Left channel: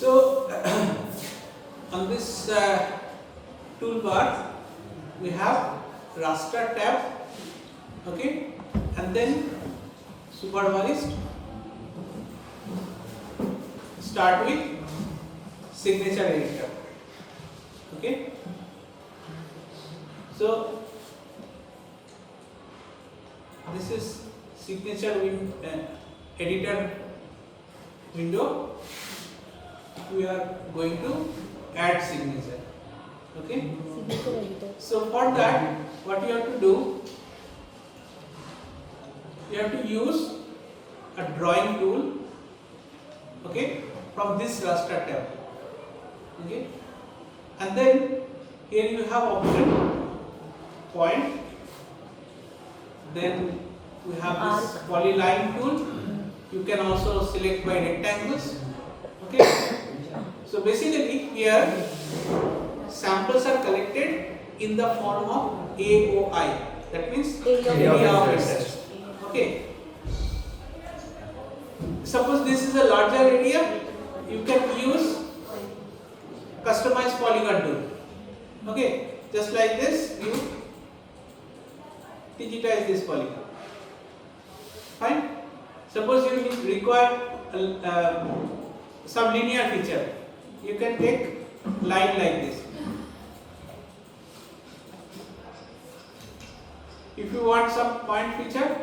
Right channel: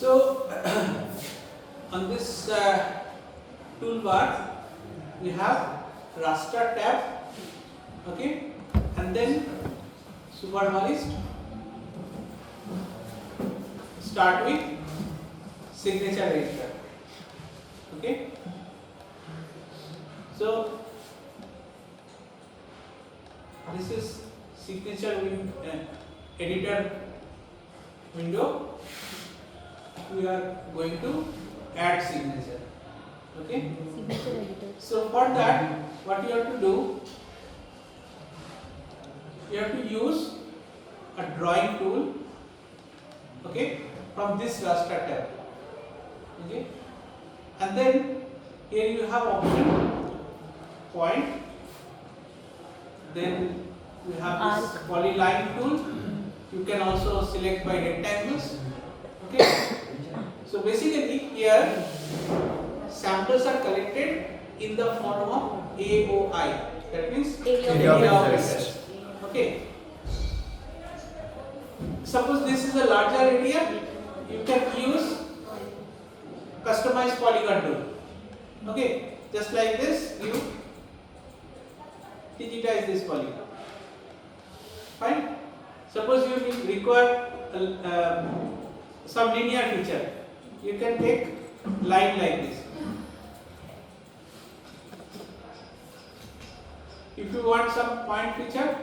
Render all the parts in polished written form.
So on this toolbar we have raster tab, okay, and then supervised. Start with signature editor, okay. So this is signature editor window. We are going to add signature, okay. Signature editor. So for that, what you have to do, you have to use a drawing tool, okay, from this raster tab, okay, and then here you have option point, then we have this polyline tool. You can also select by rectangles, okay. So basically here samples are collected in the form of AOI, that means area of research, okay. Suppose this is a larger area, you can use customized polygon tool, okay. Just like this, you digitize this polygon, fine. Suppose you require some linear feature, you can take line like this. If you want some point feature,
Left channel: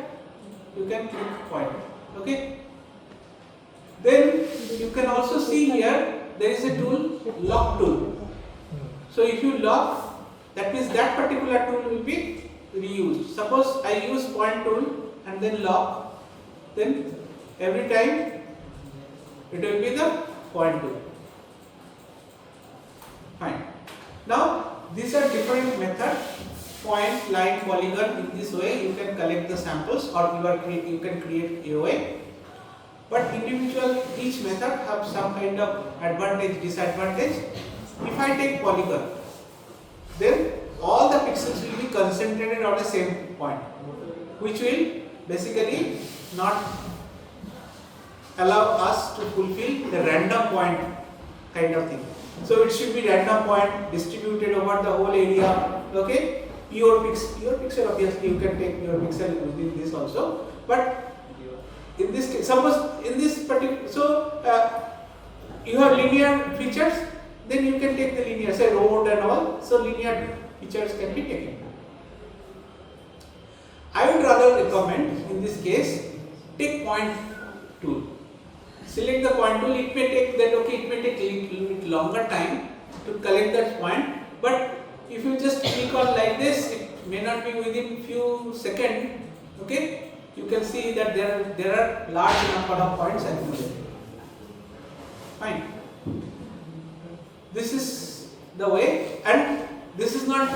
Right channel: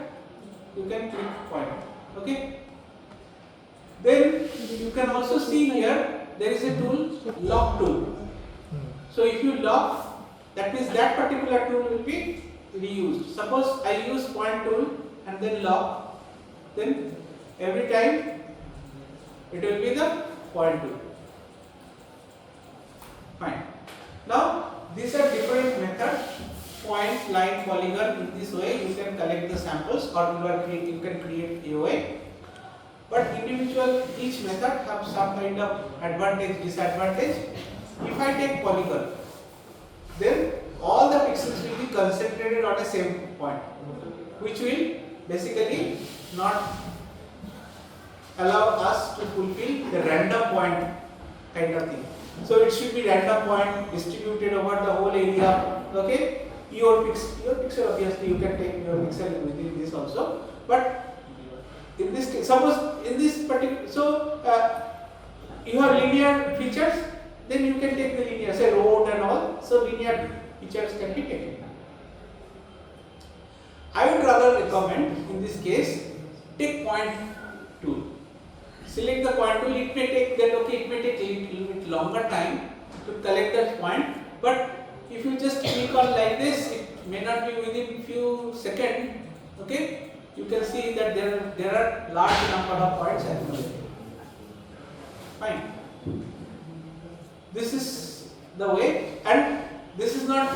you can click point, okay. Then you can also see here there is a tool, lock tool. So if you lock, that means that particular tool will be reused. Suppose I use point tool and then lock, then every time it will be the point tool. Fine. Now these are different methods. Point, line, polygon. In this way you can collect the samples, or you can create AOI. But individual, each method have some kind of advantage, disadvantage. If I take polygon, then all the pixels will be concentrated on the same point, which will basically not allow us to fulfill the random point kind of thing. So it should be random point distributed over the whole area, okay. Pure pixel, obviously you can take pure pixel within this also, but in this case, suppose in this particular, so you have linear features, then you can take the linear, say road and all, so linear features can be taken. I would rather recommend in this case, take point tool. Select the point tool, it may take that, okay, it may take a little bit longer time to collect that point, but if you just click on like this, it may not be within few seconds, okay. You can see that there are large number of points accumulated. Fine. This is the way, and this is not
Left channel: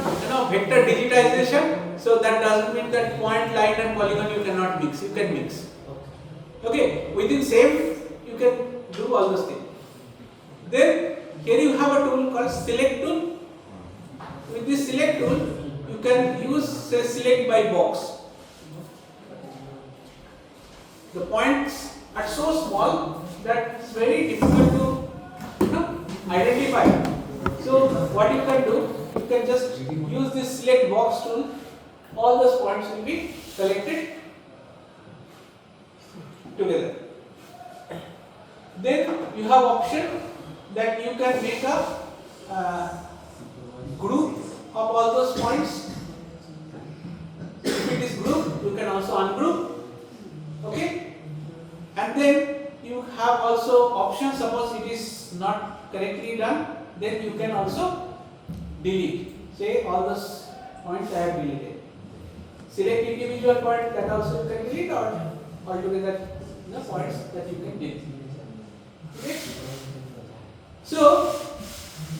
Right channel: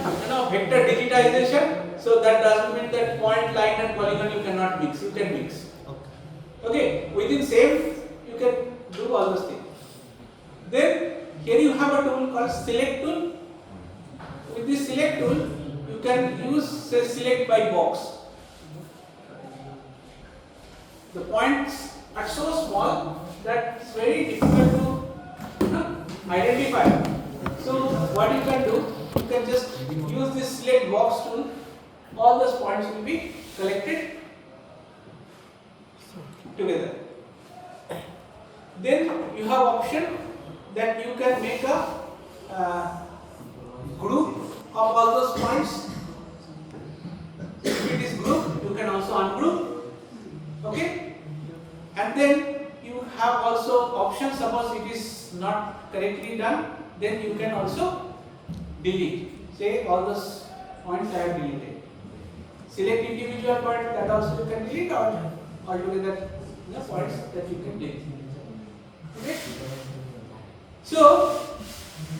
vector digitization, so that doesn't mean that point, line and polygon you cannot mix. You can mix. Okay, within same you can do all those things. Then here you have a tool called select tool. With this select tool, you can use, say, select by box. The points are so small that it's very difficult to identify. So what you can do, you can just use this select box tool. All those points will be collected together. Then you have option that you can make a group of all those points. If it is group, you can also ungroup, okay. And then you have also options. Suppose it is not correctly done, then you can also delete. Say all those points I have deleted. Select individual point, that also you can delete, or altogether the points that you can delete. Okay. So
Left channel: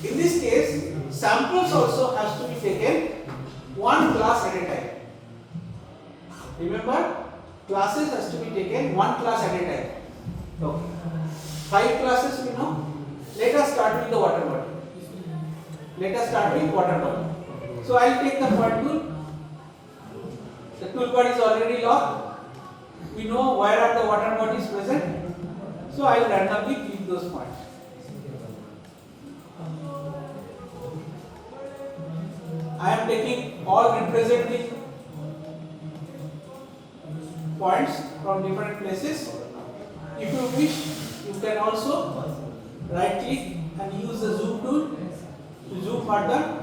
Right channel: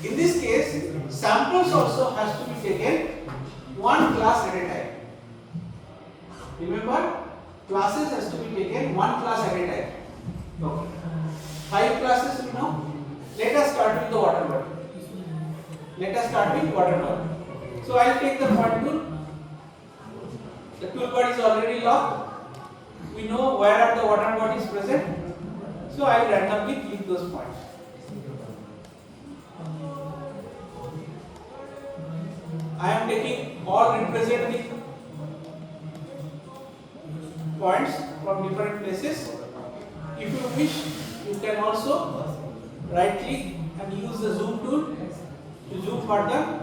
in this case, samples also has to be taken one class at a time. Remember, classes has to be taken one class at a time. Okay. 5 classes we know. Let us start with the water bottle. Let us start with water bottle. So I will take the point tool. The toolbar is already locked. We know where are the water bodies present. So I will randomly click those points. representing points from different places. If you wish, you can also right click and use the zoom tool to zoom further.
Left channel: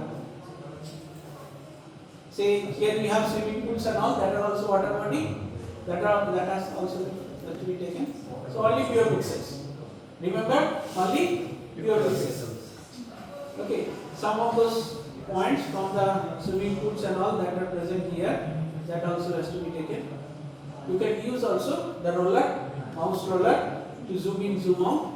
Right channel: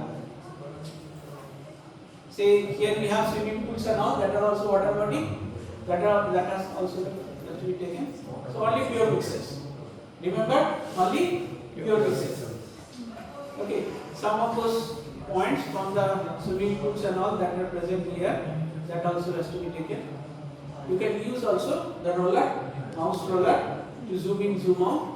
Say here we have swimming pools and all that are also water body, that has also to be taken. So only pure pixels. Remember, only pure pixels. Okay, some of those points from the swimming pools and all that are present here, that also has to be taken. You can use also the roller, mouse roller, to zoom in, zoom out.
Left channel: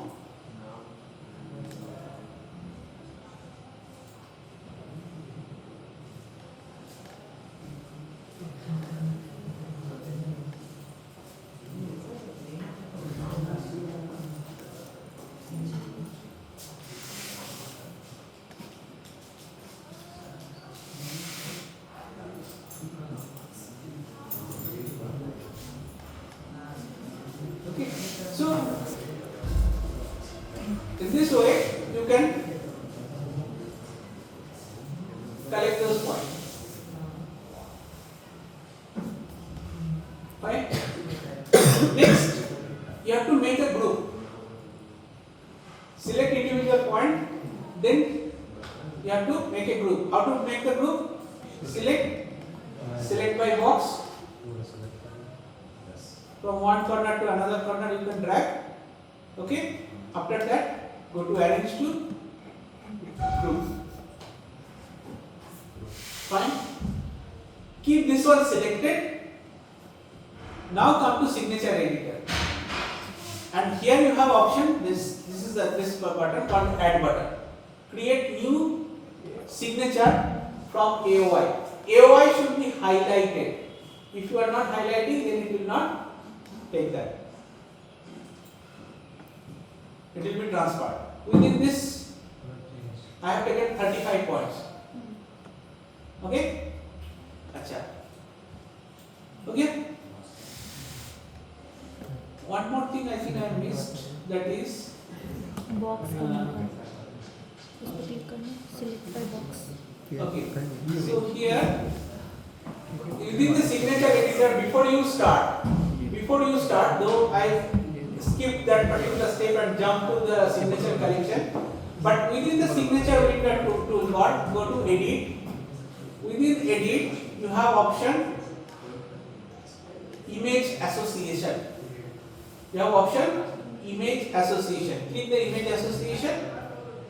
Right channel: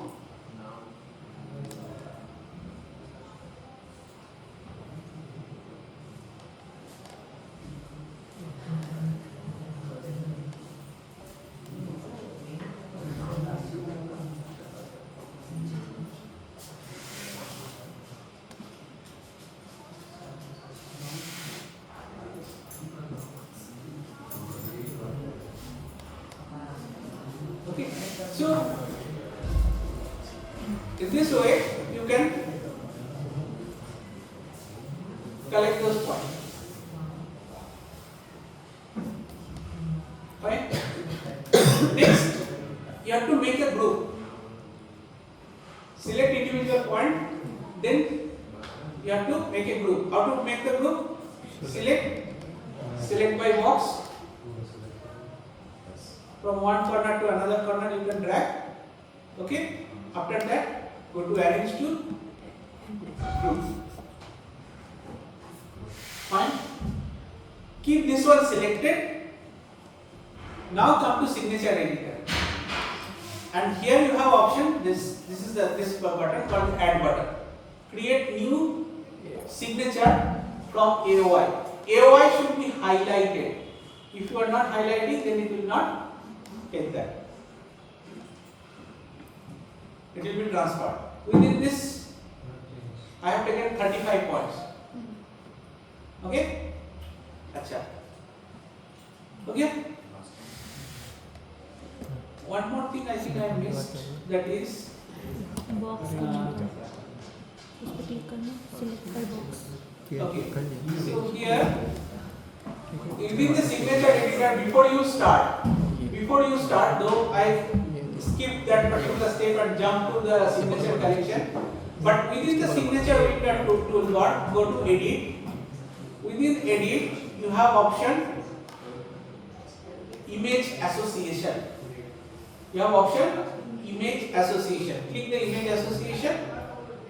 Okay, so in this way you can collect those points. Fine. Next, you have to make a group. Select individual point, then you have to make a group. How to make the group? Select by box. From one corner to another corner you can drag. Okay. After that, go to arrange to group. Fine. Keep this one selected. Now come to signature editor. And here you have option. This button called add button. Create new signature from AOI. AOI should be highlighted. If you are not highlighting, then it will not take that. It will be transferred. Within this, I have taken 35 points. Okay? Acha. Okay? One more thing I think I missed, that is box करना था, उस पर click करना, select by box. okay. So here, within the signature editor, before you start, though I skip that particular step and jump to the signature collection, but within the signature editor toolbar, go to edit. Within edit, you have option image association. You have option image association. Click the image association,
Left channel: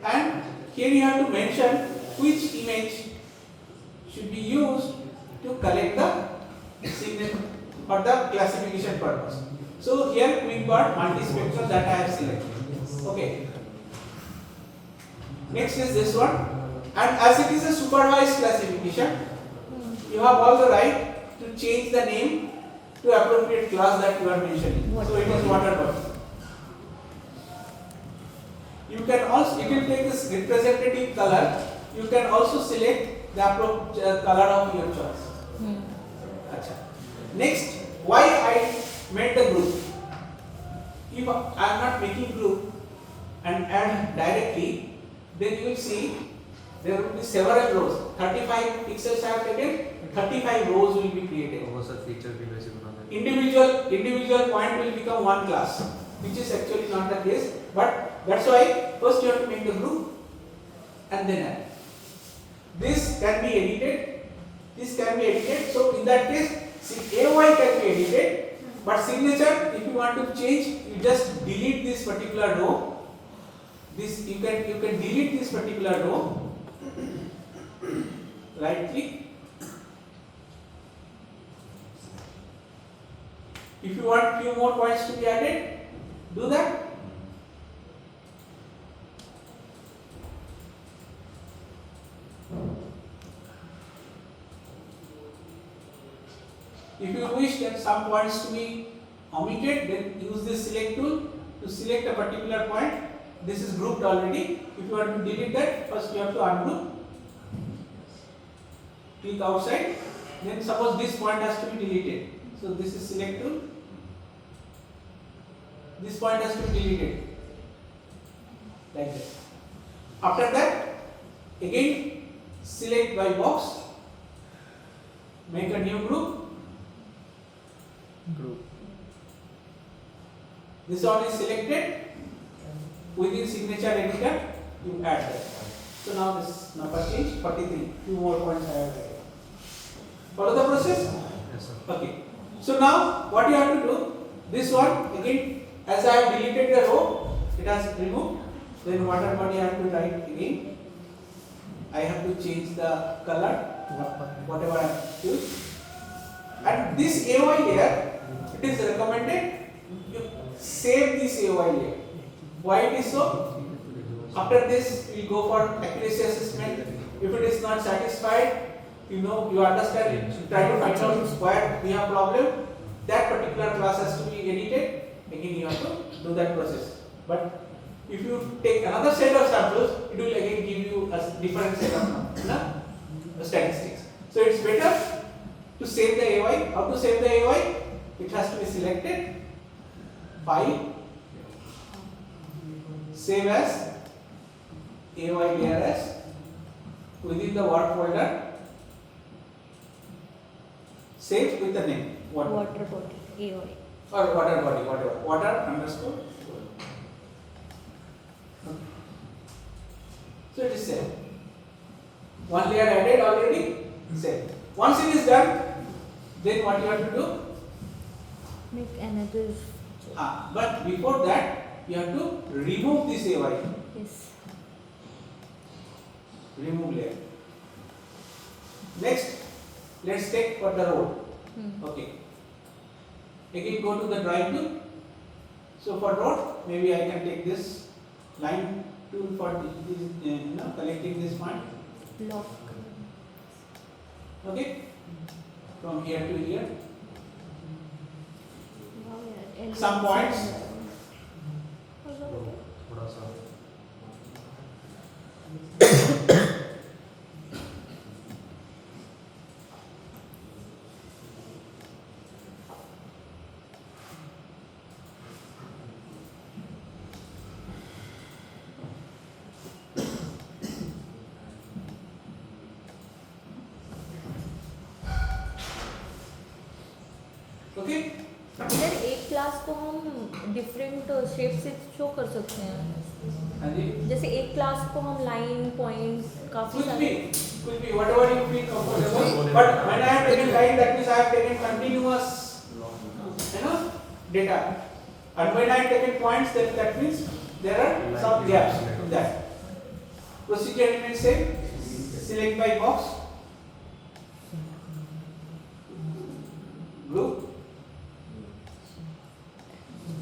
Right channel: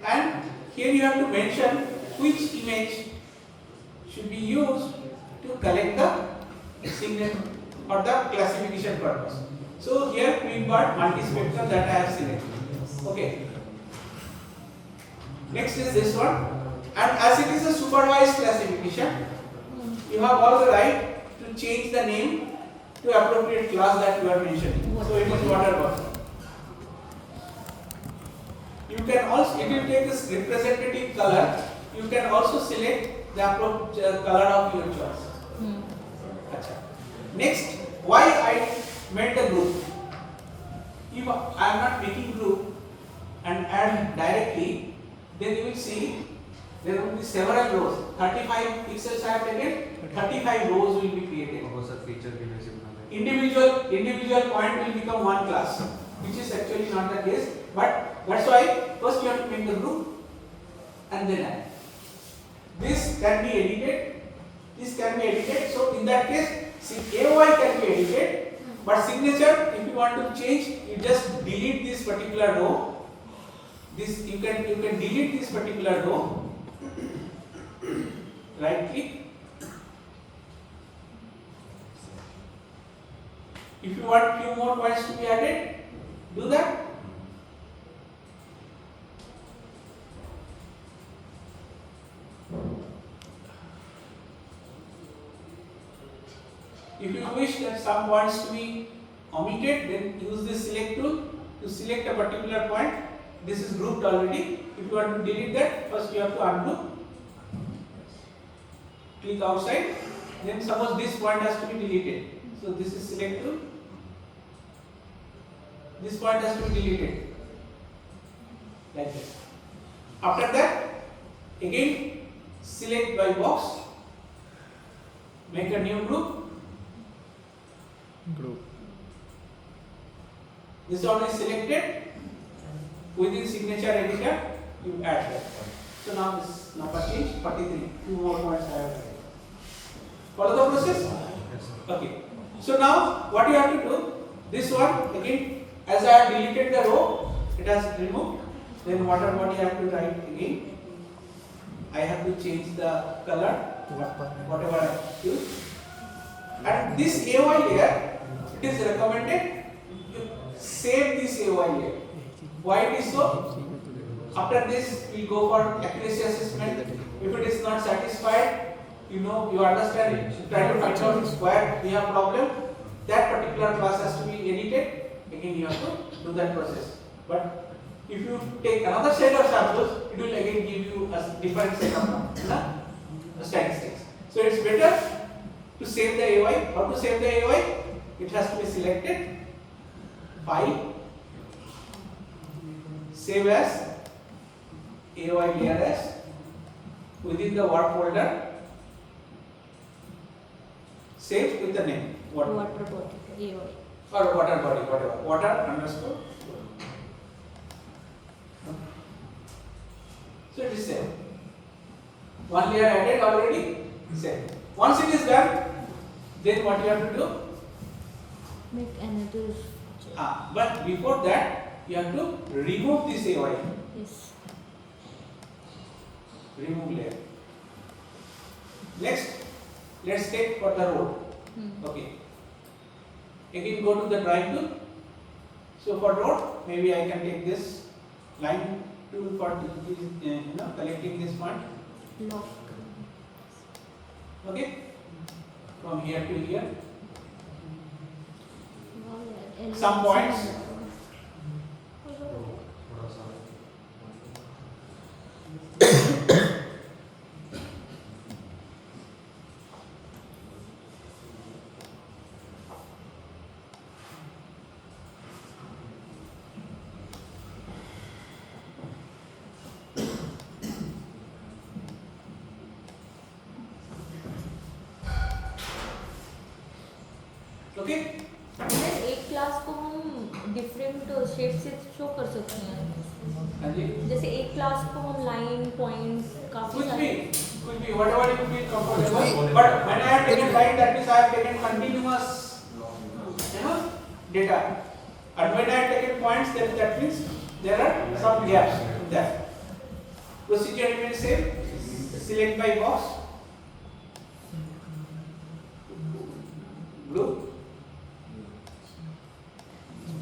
and here you have to mention which image should be used to collect the signature for the classification purpose. So here QuickBart multispectral, that I have selected. Okay. Next is this one, and as it is a supervised classification, you have all the right to change the name to appropriate class that you are mentioning. So it is water bottle. You can also, it will take this representative color. You can also select the appropriate color of your choice. Achha. Next, why I made the group? If I am not making group and add directly, then you will see there will be several rows. 35 pixels I have taken, 35 rows will be created. Individual point will become one class, which is actually not the case. But that's why first you have to make the group and then add. This can be edited. This can be edited. So in that case, AOI can be edited. But signature, if you want to change, you just delete this particular row. This you can delete this particular row. Right click. If you want few more points to be added, do that. If you wish that some points to be omitted, then use this select tool to select a particular point. This is grouped already. If you want to delete that, first you have to ungroup. Click outside. Then suppose this point has to be deleted. So this is select tool. This point has to be deleted. Like this. After that, again select by box. Make a new group. This one is selected. Within signature editor, you add that. So now this number change 43. 2 more points I have added. Follow the process? Okay. So now what you have to do? This one again, as I have deleted the row, it has removed. Then water body I have to write again. I have to change the color, whatever I choose. And this AOI layer, it is recommended you save this AOI layer. Why it is so? After this, we will go for accuracy assessment. If it is not satisfied, you understand it, try to find out where we have problem. That particular class has to be edited. Again, you have to do that process. But if you take another set of samples, it will again give you a different set of statistics. So it's better to save the AOI. How to save the AOI? It has to be selected, File, Save as, AOI layer as, within the work folder, save with the name. Water body. AOI. Or water body, whatever. Water underscore. So it is saved. One layer added already, saved. Once it is done, then what you have to do? Make another. But before that, you have to remove this AOI. Yes. Remove layer. Next, let's take for the road. Okay. Again, go to the drawing tool. So for road, maybe I can take this line tool for collecting this point. Lock. Okay. From here to here. Some points. Okay. एक class को हम different shape से show कर सकते हैं. हाँ जी. जैसे एक क्लास को हम लाइन पॉइंट्स काफी Could be whatever you feel comfortable. But when I have taken line, that means I have taken continuous, data. And when I have taken points, then that means there are some gaps in that. Procedure remains same. Select by box. Group.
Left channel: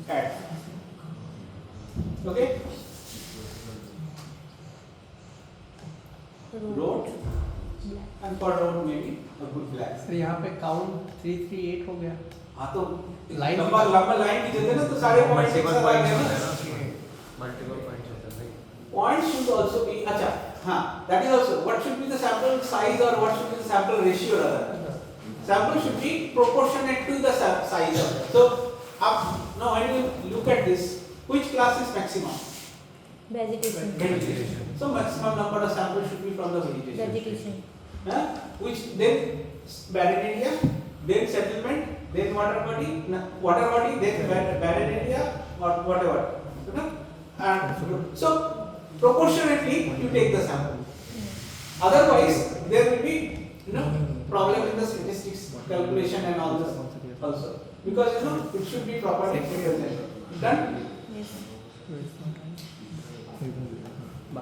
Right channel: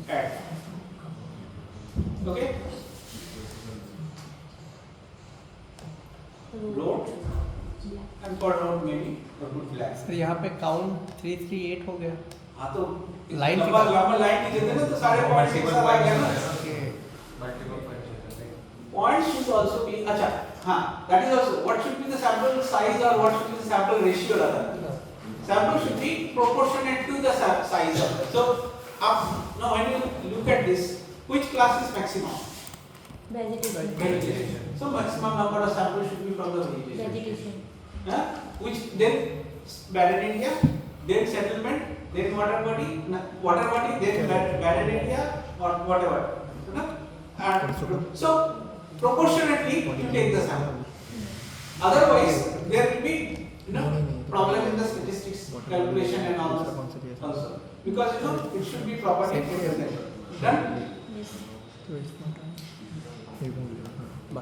Add. Okay. Road. And for road maybe a good black. तो यहाँ पे count 338 हो गया. हाँ तो Line लंबा line की जगह ना तो सारे पॉइंट्स एक साथ आ गए ना. Points should also be अच्छा हाँ that is also what should be the sample size or what should be the sample ratio rather. Sample should be proportionate to the size of it. So now when you look at this, which class is maximum? vegetation. So maximum number of samples should be from the vegetation. Which then barren area, then settlement, then water body, then barren area or whatever. And so proportionately you take the sample. Otherwise there will be problem in the statistics calculation and all this also, because it should be properly represented. Done.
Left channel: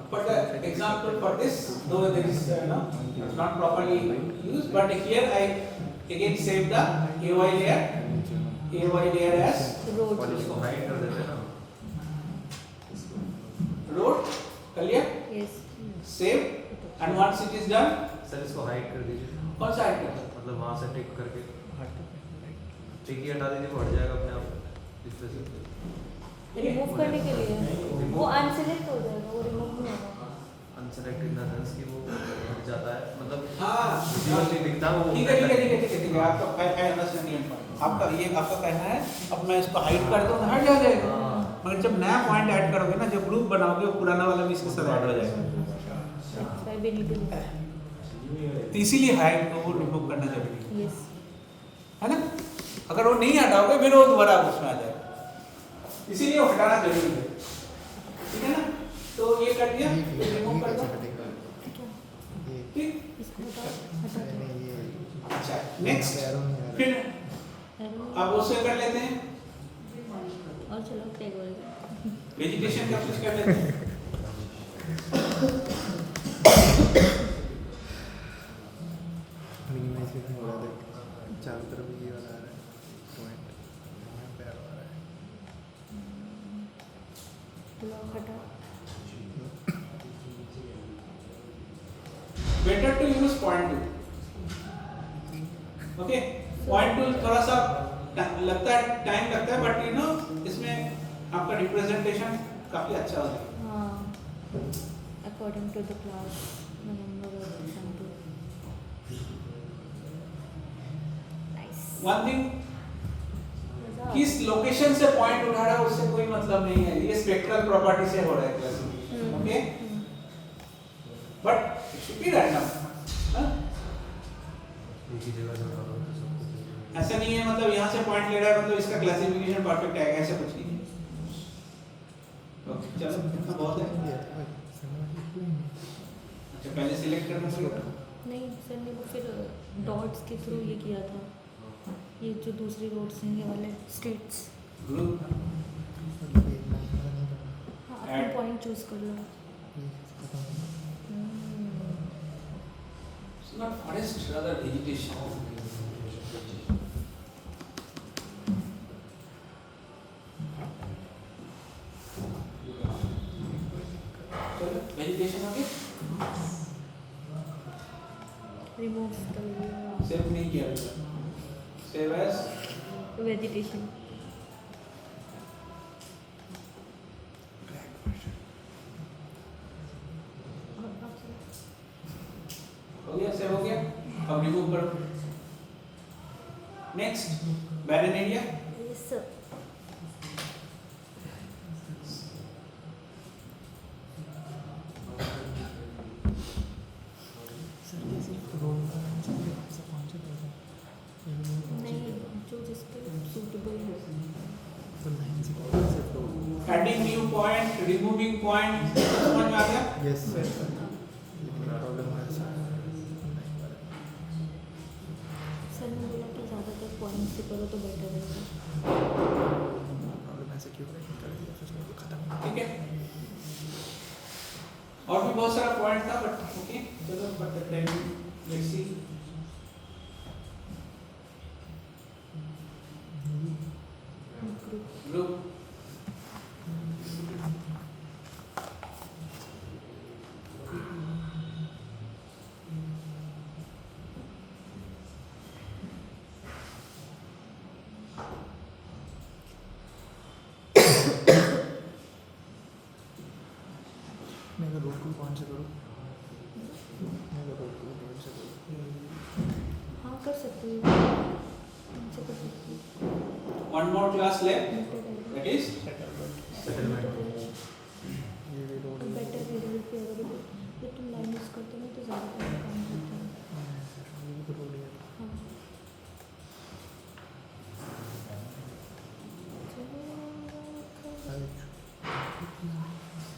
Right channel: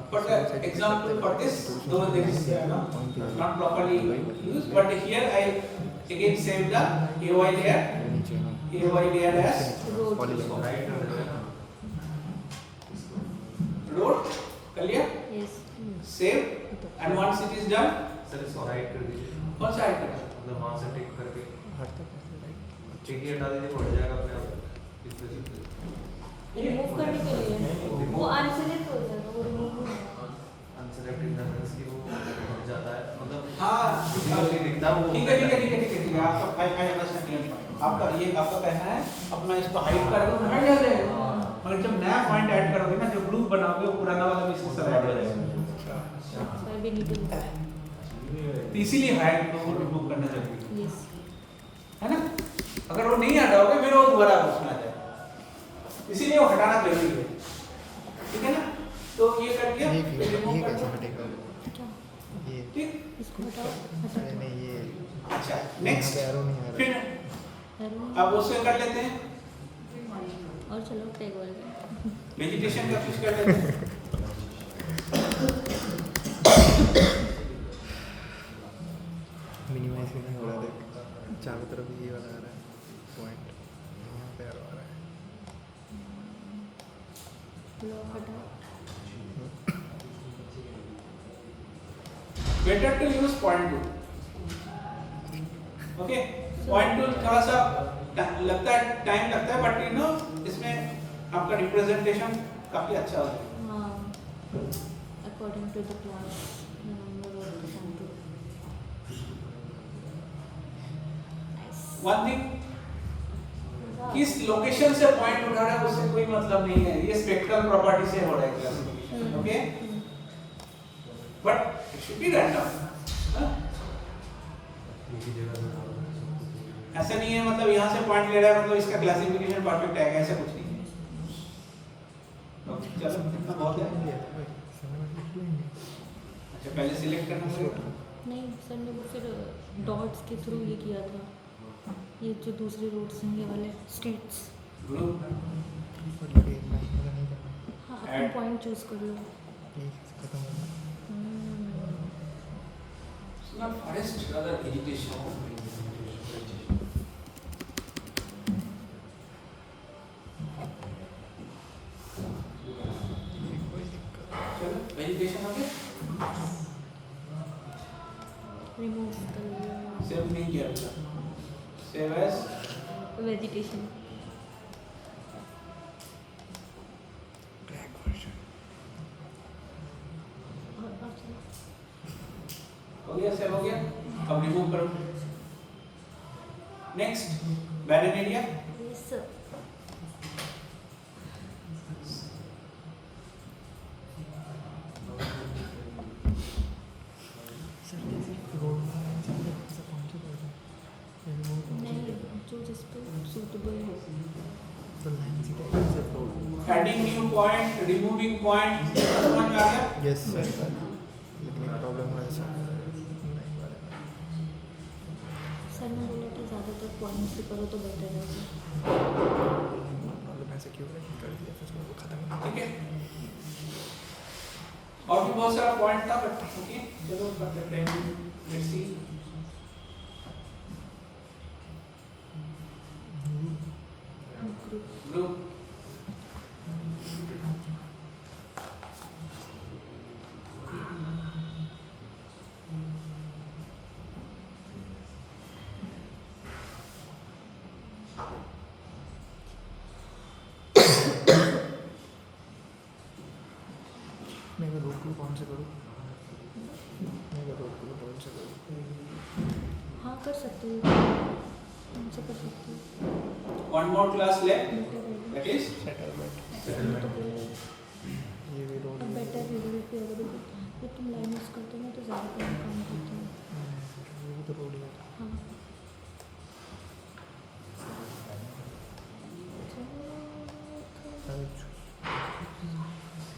For the example for this, though there is not properly used, but here I again save the AOI layer as road. Clear? Yes. Save, and once it is done, sir इसको hide कर दीजिए. कौन सा hide? मतलब वहाँ से टिक करके टिक ही हटा दीजिए, बढ़ जाएगा अपने आप. रिमूव करने के लिए वो अनसेलेक्ट हो जाएगा, वो रिमूव नहीं होगा. अनसेलेक्टेड दैट की वो हट जाता है, मतलब हाँ जो नहीं दिखता वो. ठीक है आपका I understand. आपका ये आपका कहना है अब मैं इसको हाइड कर दूँ हट जाएगा, मगर जब नया पॉइंट ऐड करोगे ना, जब ग्रुप बनाओगे वो पुराना वाला भी इसके साथ ऐड हो जाएगा. तो इसीलिए हायर को रिमूव करना जरूरी है, यस है ना? अगर वो नहीं हटाओगे फिर वो दोबारा उसमें आ जाएगा, इसीलिए वो हटाना जरूरी है, ठीक है ना? तो ये कर दिया, तो रिमूव कर दिया, क्या ठीक? इसको हटाओ हटा दो अच्छा नेक्स्ट, फिर एरो अब उससे कर लेते हैं और चलो टैग वाले वेजिटेशन का कुछ कर लेते हैं। मिनिमाइजेशन हो रहा है, देख चारों तरफ ये वाला आ रहा है पॉइंट, यहाँ पे आ रहा है। लो हटा better to use point tool, okay? Point tool थोड़ा सा लगता है, टाइम लगता है, बट यू नो इसमें आपका रिप्रेजेंटेशन काफी अच्छा होता है। हाँ according to the class number और समथिंग वन थिंग, किस लोकेशन से पॉइंट उठा रहा है उससे कोई मतलब नहीं है, ये स्पेक्ट्रल प्रॉपर्टी से हो रहा है classification, okay? But it should be random, ऐसा नहीं है मतलब यहाँ से पॉइंट ले रहा है मतलब इसका क्लासिफिकेशन परफेक्ट आएगा, ऐसा कुछ नहीं है। ओके चलो इतना बहुत है। अच्छा पहले सिलेक्ट करना पड़ेगा, नहीं सर ने वो फिर डॉट्स के थ्रू ये किया था, ये जो दूसरी रोड्स हैं ये वाले स्टेट्स। ग्रुप हाँ अपना पॉइंट चूज कर लो। It's not forest, rather vegetation. चलो vegetation हो गया, रिमूव कर लो सेव नहीं किया अभी, सेव एज वेजिटेशन। और बाकी हो गया, सेव हो गया, अब रिमूव करो। नेक्स्ट बैरन एरिया, यस सर नहीं जो जिस पे सूटेबल हो। Adding new point, removing point, समझ में आ गया? यस सर, ये प्रॉब्लम है सर। सर ने बोला कि ज़्यादातर पॉइंट से करो तो बेटर है। प्रॉब्लम ऐसे क्यों नहीं कर दिया फिर वो खत्म। ठीक है, और भी बहुत सारा पॉइंट था बट ओके चलो कर सकते हैं, लेट्स सी। ग्रुप मैं रोड को कौन से करूँ? मैं रोड को कौन से करूँ? हाँ कर सकते हो, उनसे कर सकते हो। One more class left, better है दैट इज तो बोलो ये भी रोड अब बेटर रिजल्ट पे अगर जब तुम लाइन यूज करते हो ना तो ज़्यादा टाइम काम करते हो। ये भी तो रोड है। हाँ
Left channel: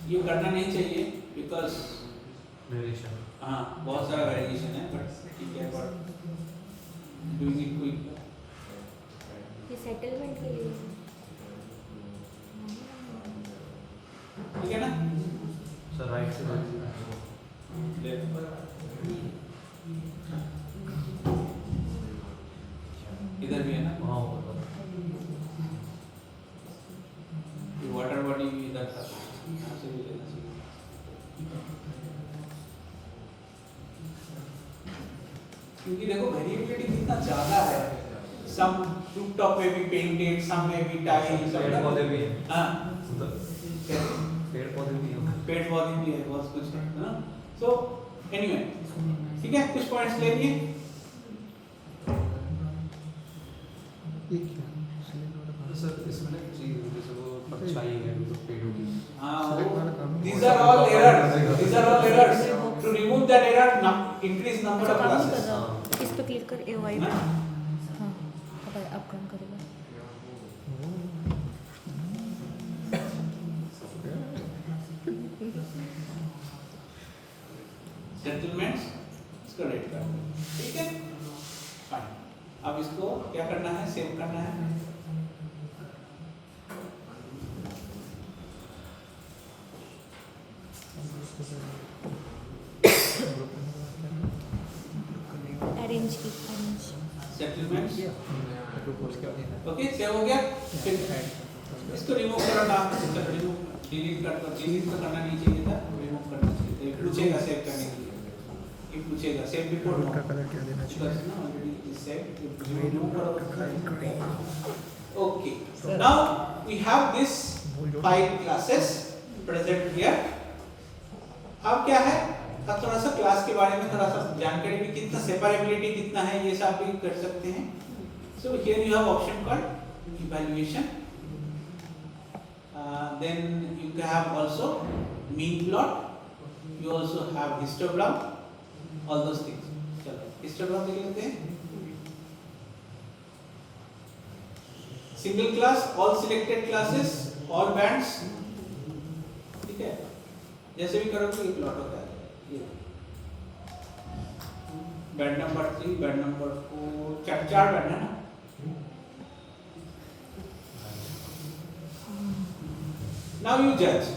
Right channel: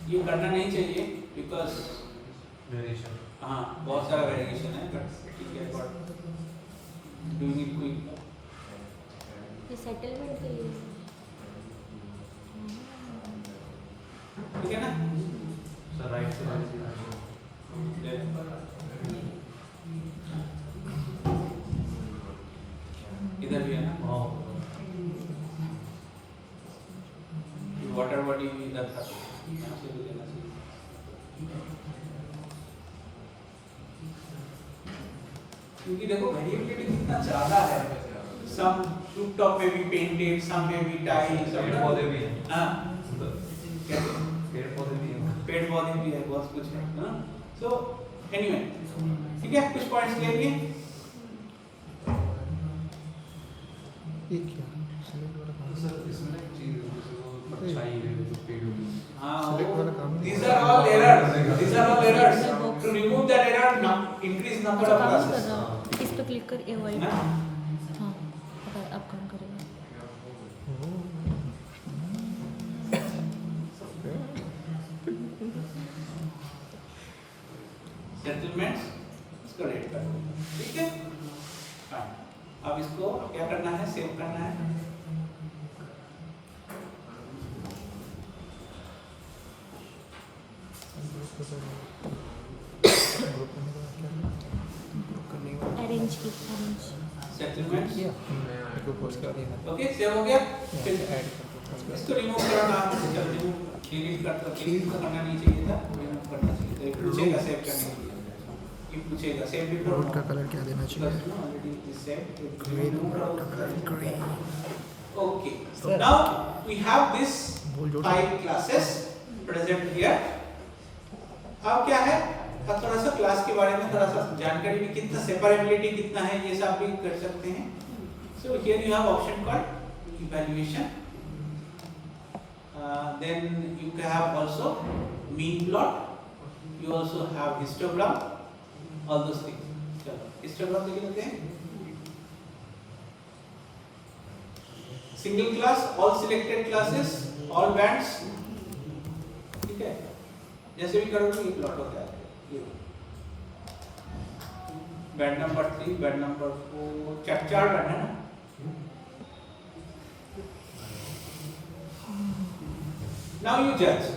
ये करना नहीं चाहिए बिकॉज वेरिएशन, हाँ बहुत सारा वेरिएशन है, बट ठीक है, बट डूइंग इट क्विक। ये सेटलमेंट के लिए ठीक है ना? सर राइट से इधर भी है ना, हाँ वाटर बॉडी भी इधर था, यहाँ से भी लेना चाहिए। क्योंकि देखो वेरिएबिलिटी कितना ज़्यादा है, सम रूफ टॉप में भी पेंटेड, सम में भी टाइल, सब पेड़ पौधे भी हैं। हाँ पेड़ पौधे भी हैं। पेड़ पौधे भी है, बहुत कुछ है ना। सो एनीवे ठीक है, कुछ पॉइंट्स ले लिए। ये क्या? सिलेक्ट वाला काम सर इसमें ना एक चीज़ है, जैसे वो परछाई है पेड़ की, हाँ these are all errors, these are all errors. To remove that error, increase number number अच्छा of काम नहीं कर classes. रहा, इस पे क्लिक कर AOI पे। हाँ? हाँ पता है, अब काम करेगा। सेटलमेंट्स इसको रेड कर दो, ठीक है, फाइन। अब इसको क्या करना है, सेव करना है। अरेंज की, अरेंज। सेटलमेंट्स, उसके बाद ये ओके, सेव हो गया। फिर ऐड कर दो। इसको रिमूव करो, नाम से चल रिमूव, डिलीट कर दो, डिलीट तो करना नहीं चाहिए था, रिमूव करना चाहिए था। ये पूछेगा सेव करने के लिए, ये पूछेगा सेव बिफोर रोड का कलर क्या देना चाहिए? Already is save, green okay. So now we have this बोल जोड़ 5 classes present here. अब क्या है, अब थोड़ा सा क्लास के बारे में थोड़ा सा जानकारी भी, कितना सेपरेबिलिटी कितना है ये सब भी कर सकते हैं। So here you have option called evaluation. Then you can have also mean plot. You also have histogram. All those things. चलो histogram देख लेते हैं। Single class, all selected classes, all bands, ठीक है, जैसे भी करोगे ये प्लॉट होता है, ये band number 3, band number 4, 4 band है ना। Now you judge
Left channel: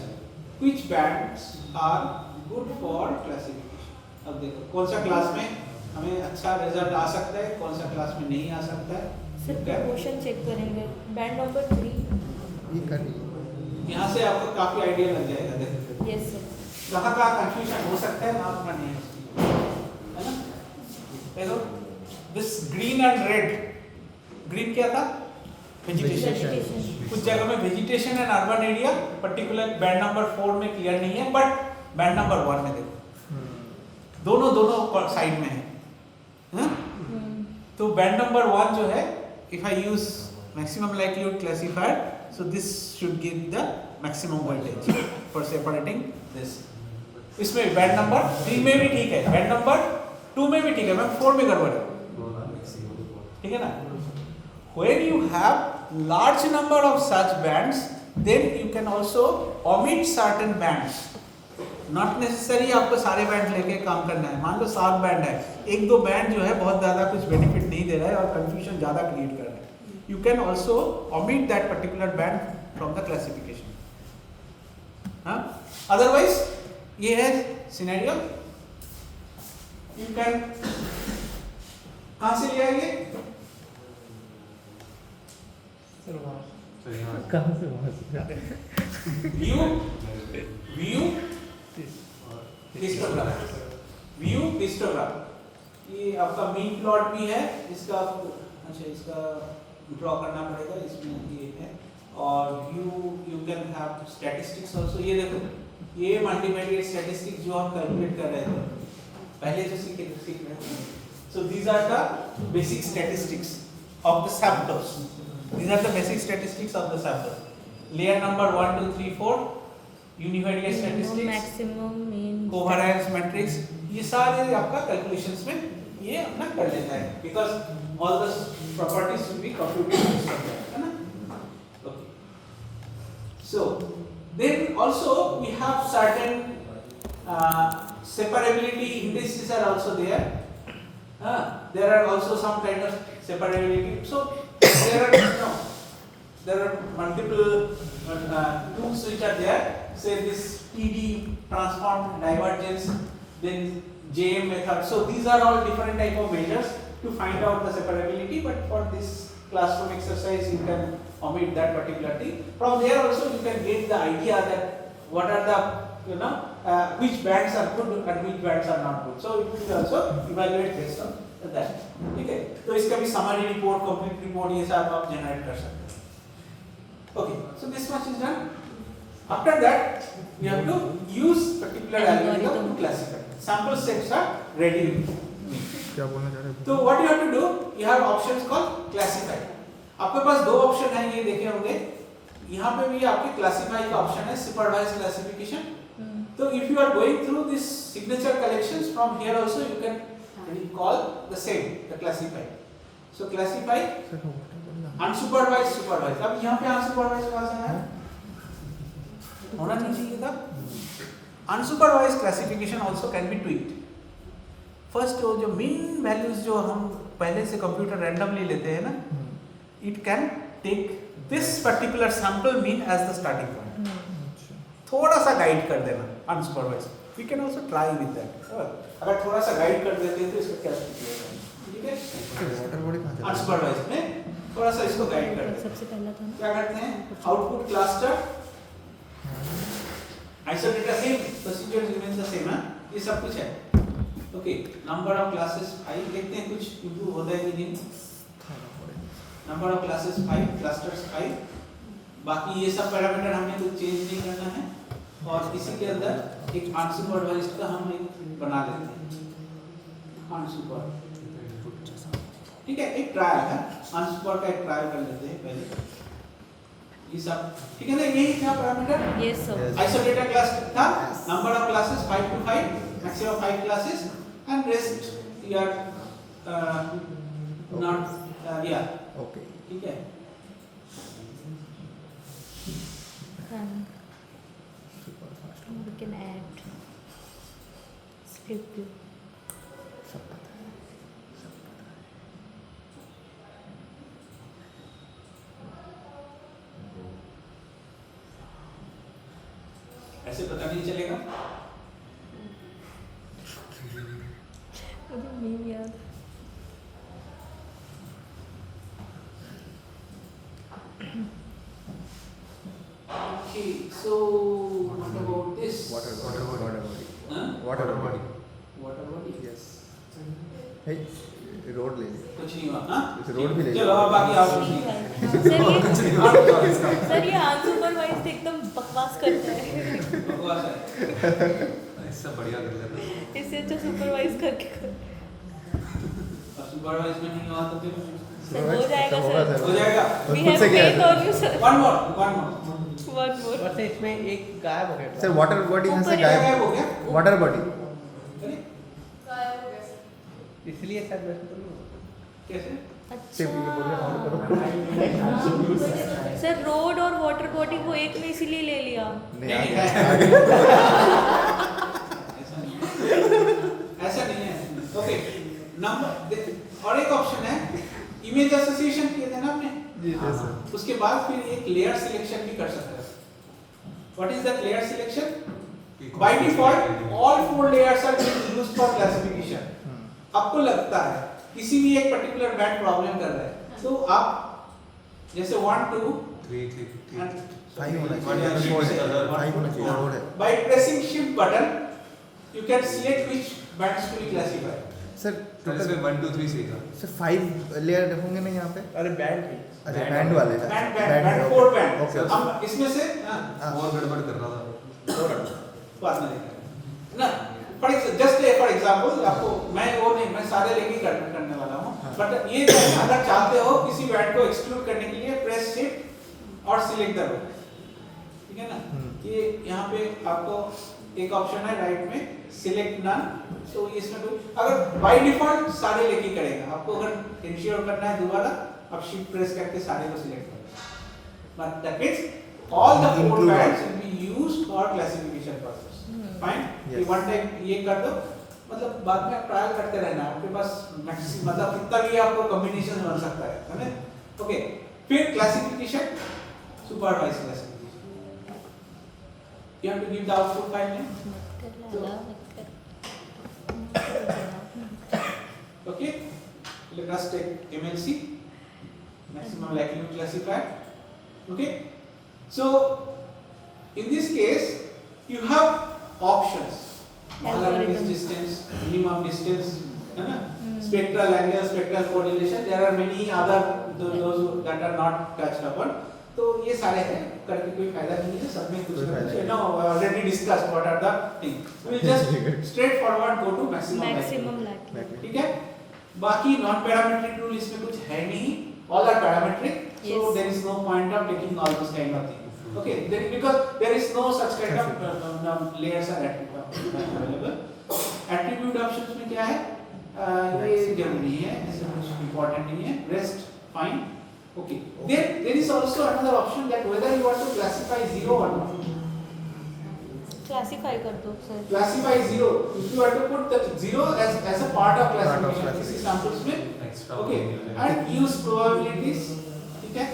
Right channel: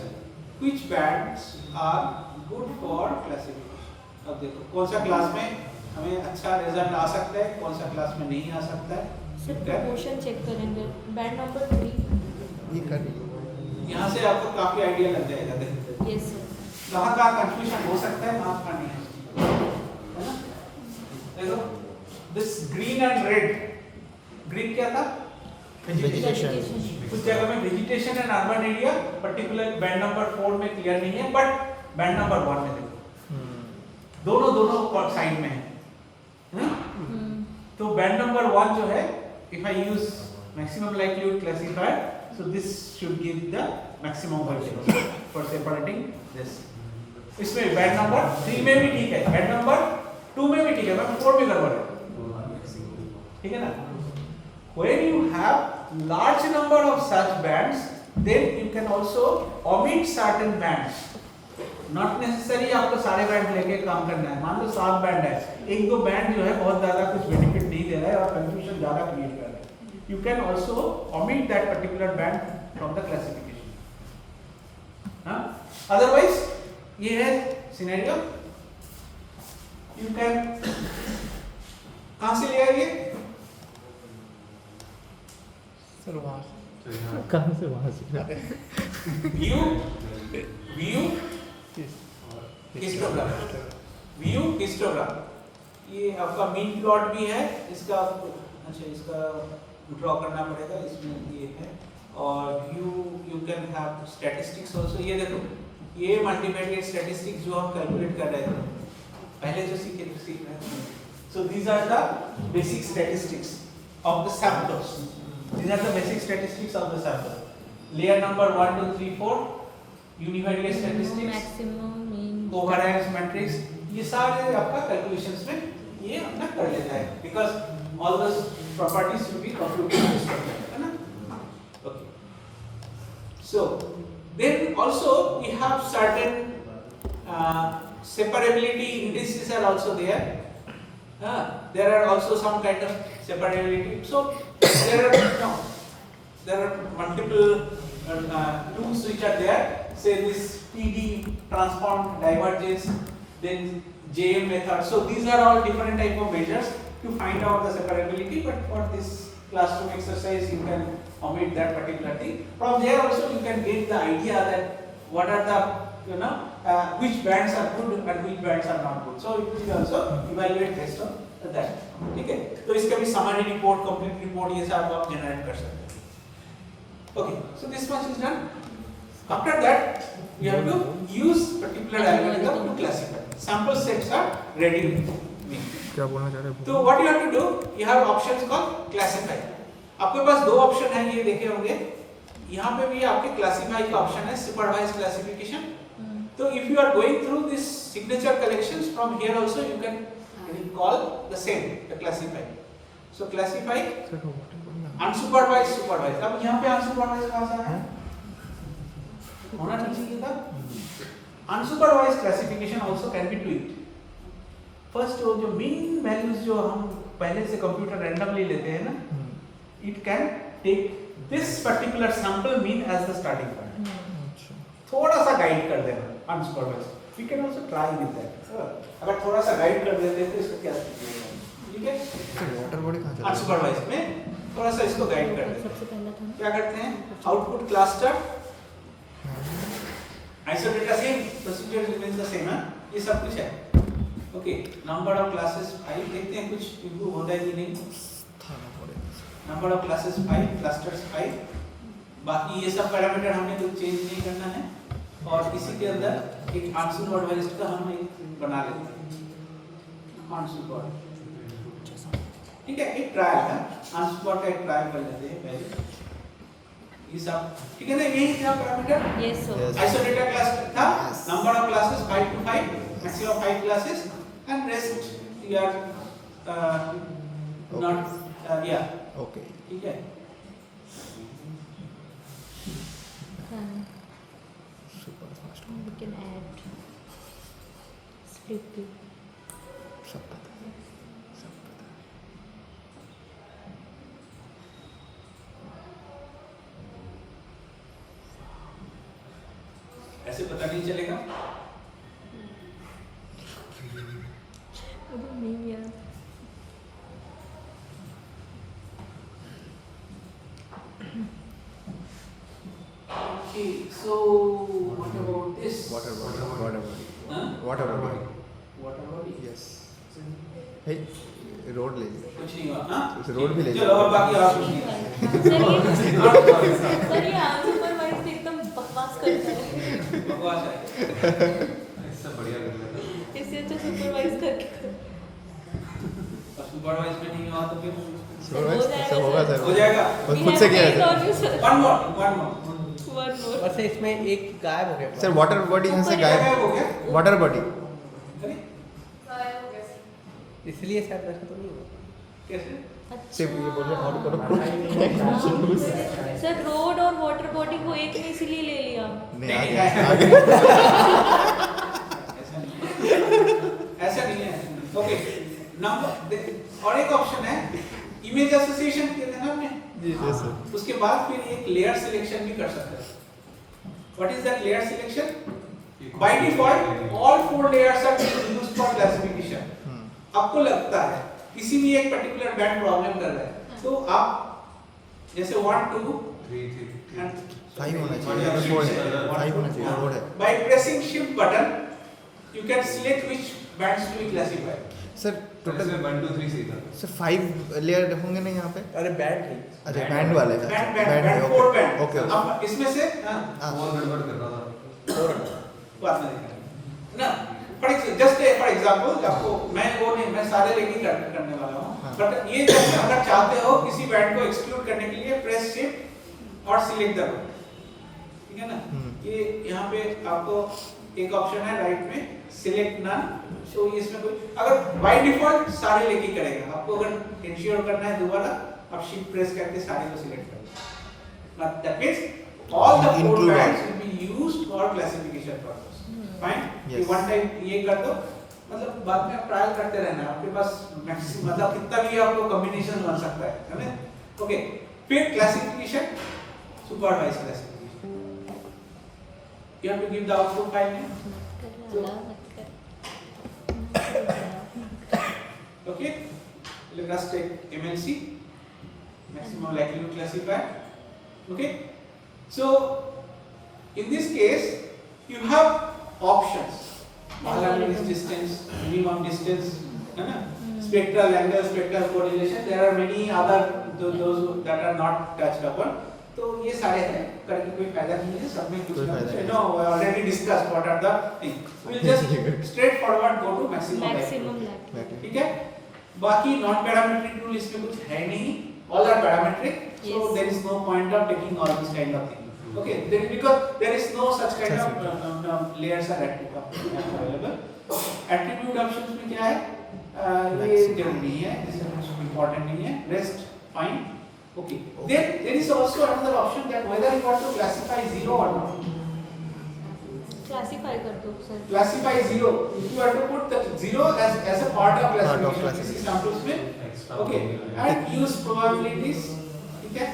which bands are good for classification. अब देखो कौन सा क्लास में हमें अच्छा रिजल्ट आ सकता है, कौन सा क्लास में नहीं आ सकता है। सर प्रपोर्शन चेक करेंगे, बैंड नंबर 3। ये कर यहाँ से आपको काफी आइडिया लग जाएगा, देखो यस सर। कहाँ कहाँ कंफ्यूजन हो सकता है, वहाँ पर नहीं है ना। देखो this green and red, green क्या था, वेजिटेशन। कुछ जगह में vegetation and urban area, particular band number 4 में क्लियर नहीं है, बट बैंड नंबर 1 में देखो दोनों साइड में है। तो बैंड नंबर 1 जो है, if I use maximum likelihood classifier, so this should give the maximum voltage for separating this. इसमें बैंड नंबर 3 में भी ठीक है, बैंड नंबर 2 में भी ठीक है, बैंड 4 में गड़बड़ है, ठीक है ना। When you have large number of such bands, then you can also omit certain bands. Not necessary आपको सारे बैंड लेके काम करना है। मान लो 7 बैंड है, एक दो बैंड जो है बहुत ज्यादा कुछ बेनिफिट नहीं दे रहा है और कंफ्यूजन ज्यादा क्रिएट कर रहा है। You can also omit that particular band from the classification. हाँ? Otherwise ये है सिनेरियो। You can कहाँ से ले आएंगे? चलो वहाँ से। कहाँ से वहाँ से? व्यू हिस्टोग्राम, व्यू हिस्टोग्राम, ये आपका मीन प्लॉट भी है, इसका आपको अच्छा इसका ड्रॉ करना पड़ेगा, इसमें ये है। और view you can have statistics also. ये देखो ये मल्टीवेरिएट स्टैटिस्टिक्स जो हम कैलकुलेट कर रहे थे पहले जो सीख रहे थे। So these are the basic statistics of the samples, these are the basic statistics of the sample. Layer number 1 2 3 4 univariate statistics, maximum mean, coherence matrix, ये सारे आपका कैलकुलेशंस में ये अपना कर लेता है, because all the properties will be computed, है ना। Okay, so then also we have certain separability indices are also there. There are also some kind of separability. So there are multiple tools which are there. Say this TD, transform divergence, then JM method. So these are all different type of measures to find out the separability. But for this classroom exercise, you can omit that particular thing. From there also you can get the idea that what are the which bands are good and which bands are not good. So it will be also evaluate based on that. ठीक है, तो इसका भी summary report, complete report ये सब आप generate कर सकते हैं। Okay, so this much is done. After that, we have to use particular algorithm to classify. Sample sets are ready. क्या बोलना चाह रहे हो? तो what you have to do, you have options called classify. आपके पास दो ऑप्शन है, ये देखे होंगे। यहाँ पे भी आपके क्लासीफाई का ऑप्शन है, सुपरवाइज क्लासिफिकेशन। तो if you are going through this signature collections, from here also you can call the same, the classified. So classified, sir वो वाटर बॉडी ना unsupervised, supervised. अब यहाँ पे unsupervised कहाँ से आया? होना नहीं चाहिए था. Unsupervised classification also can be tweaked. First वो जो mean values जो हम पहले से कंप्यूटर randomly लेते हैं ना, it can take this particular sample mean as the starting point. अच्छा थोड़ा सा गाइड कर देना unsupervised. We can also try with that. अगर थोड़ा सा गाइड कर देते हैं तो इसका क्या होगा? ठीक है? तो वाटर बॉडी कहाँ चला अनसुपरवाइज्ड में थोड़ा सा इसको गाइड कर देते हैं. सबसे पहला था ना क्या करते हैं? Output cluster isolate the same procedure remains the same. ये सब कुछ है. ओके, नंबर ऑफ क्लासेस 5 देखते हैं कुछ इंप्रूव होता है कि नहीं. थाना पड़ेगा नंबर ऑफ क्लासेस 5, क्लस्टर्स 5. बाकी ये सब पैरामीटर हमें कुछ चेंज नहीं करना है. और इसी के अंदर एक अनसुपरवाइज्ड का हम एक बना लेते हैं. अनसुपरवाइज्ड, ठीक है, एक ट्रायल है. अनसुपर का एक ट्रायल कर लेते हैं पहले. ये सब ठीक है ना. यही था parameter. Yes sir. Yes. Isolated class था. Number of classes 5 to 5, maximum 5 classes and rest you are not या ओके ठीक है. Super fast We can add split view. सब पता है सब पता है ऐसे पता नहीं चलेगा. नहीं यार. Okay, so what about this? Water body Huh? Water body Water body? Yes हे रोड ले लिया कुछ नहीं हुआ. हाँ? इस रोड भी ले चलो अब बाकी आप कुछ नहीं. सर ये अनसुपरवाइज्ड एकदम बकवास करता है. बकवास है. इससे बढ़िया कर लेते. इससे अच्छा सुपरवाइज करके करो. अब सुपरवाइज में नहीं हुआ तो फिर सब होगा सर हो जाएगा. और खुद से किया है sir One more. One more. वैसे इसमें एक गायब हो गया सर वाटर बॉडी यहाँ से गायब गायब हो गया. वाटर बॉडी अरे इसलिए शायद वैसे तो नहीं हुआ. कैसे? सिर्फ ये बोलिए ऑन करो सर रोड और वाटर बॉडी को एक ने इसीलिए ले लिया. नहीं नहीं, आगे ऐसा नहीं है. ओके, नंबर और एक ऑप्शन है इमेज एसोसिएशन किया था ना आपने. यस सर उसके बाद फिर एक लेयर सिलेक्शन भी कर सकते हैं. What is that layer selection? By default all 4 layers are used for classification. आपको लगता है किसी भी एक पर्टिकुलर बैंड प्रॉब्लम कर रहा है तो आप जैसे 1 2 3 and 5 होना चाहिए 5 होना चाहिए रोड है by pressing shift button you can select which bands to be classified. Sir total total 1 2 3 सीधा. सर 5 लेयर होंगे ना यहाँ पे अरे बैड नहीं. अच्छा बैंड वाले का बैंड 4 बैंड. ओके अब इसमें से और गड़बड़ कर रहा था. बात नहीं करें ना. जस्ट फॉर एग्जांपल आपको मैं वो नहीं मैं सारे लेके करने वाला हूँ. हाँ. बट ये जो है, अगर चाहते हो किसी बैंड को एक्सक्लूड करने के लिए प्रेस शिफ्ट और सिलेक्ट द रोड. ठीक है ना. ये यहाँ पे आपको एक ऑप्शन है राइट में सिलेक्ट नन. तो इसमें कोई अगर बाय डिफॉल्ट सारे लेके करेगा. आपको अगर इंश्योर करना है दोबारा आप शिफ्ट प्रेस करके सारे को सिलेक्ट करें. But that means all the 4 Include all. Bands will be used for classification purpose. Fine. ये Yes. वन टाइम ये कर दो. मतलब बाद में आप ट्रायल करते रहना है. आपके पास मैक्सिमम मतलब कितना भी आपको कॉम्बिनेशन बन सकता है ना. ओके, फिर classification supervised classification. You have to give the output file में. मत कर लाला मत कर. Okay, let us take MLC, maximum likelihood classifier. Okay, so in this case you have options. Algorithm distance, minimum distance, है ना? Spectral angle, spectral correlation. There are many other those that are not touched upon. तो ये सारे हैं करके कोई फायदा नहीं है. सब में कुछ ना कुछ no already discussed what are the things. We just straight forward go to maximum maximum likelihood. Like. ठीक है. बाकी नॉन पैरामीट्रिक रूल इसमें कुछ है नहीं. All are parametric. So Yes. There is no point of taking all this kind of thing. Okay, because there is no such kind of layers are available. Attribute options में क्या है? ये जरूरी है, इसमें कुछ इम्पोर्टेंट नहीं है. Rest fine. Okay. Then there is also another option that whether you want to classify 0 or not. Classify कर दो sir. Classify 0. If you want to put the 0 as a part of Part of classification, किसी samples में, Extra okay, probability. and use probabilities. ठीक है.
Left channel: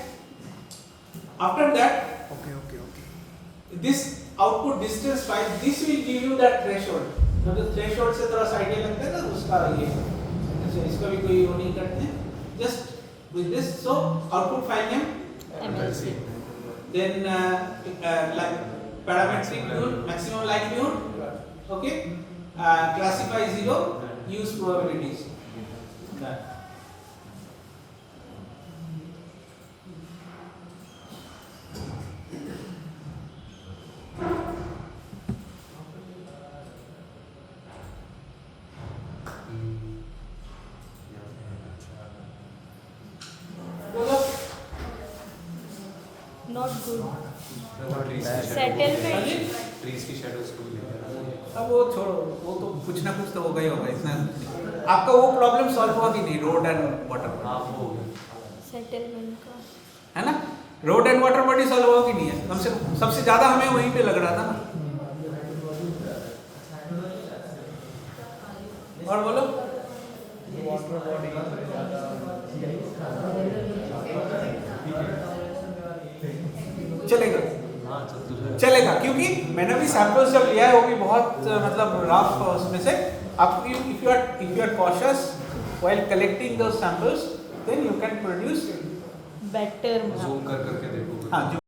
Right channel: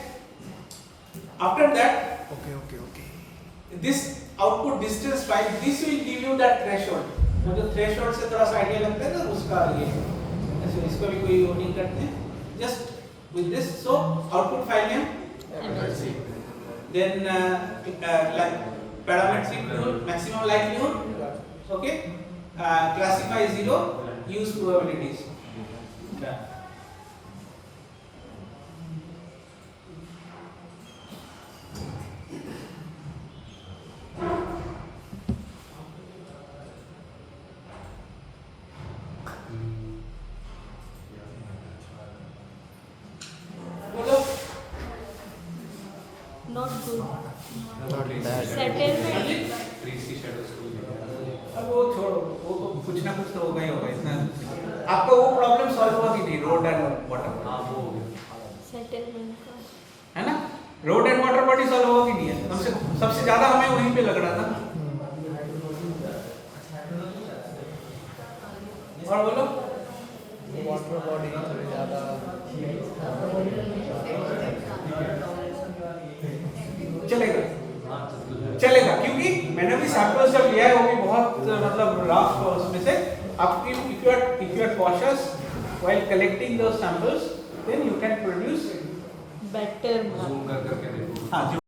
After that, okay okay okay. this output distance file, this will give you that threshold. मतलब threshold से थोड़ा सा idea लगता है ना उसका ये, ऐसे इसका भी कोई वो नहीं करते हैं. Just with this, so output file name, MLC. then like parametric mule, maximum likelihood, okay, classify 0, use probabilities. Done. बोलो. Not good. Not bad. Settlement. Trees की शैडोज को अब वो छोड़ो, वो तो कुछ ना कुछ तो होगा ही होगा. इतना आपका वो प्रॉब्लम सॉल्व हुआ कि नहीं, रोड एंड वाटर, हाँ वो हो गया. सेटलमेंट का. है ना. Road and water body solve हुआ कि नहीं है. कम से सबसे ज्यादा हमें वहीं पे लग रहा था. और बोलो. वाटर बॉडी थोड़ी ज़्यादा चलेगा, हाँ तो चलेगा, क्योंकि मैंने भी सैंपल्स जब लिया है वो भी बहुत मतलब रफ उसमें से. आप if you are cautious while collecting those samples, then you can produce better. Zoom कर करके देखो. हाँ.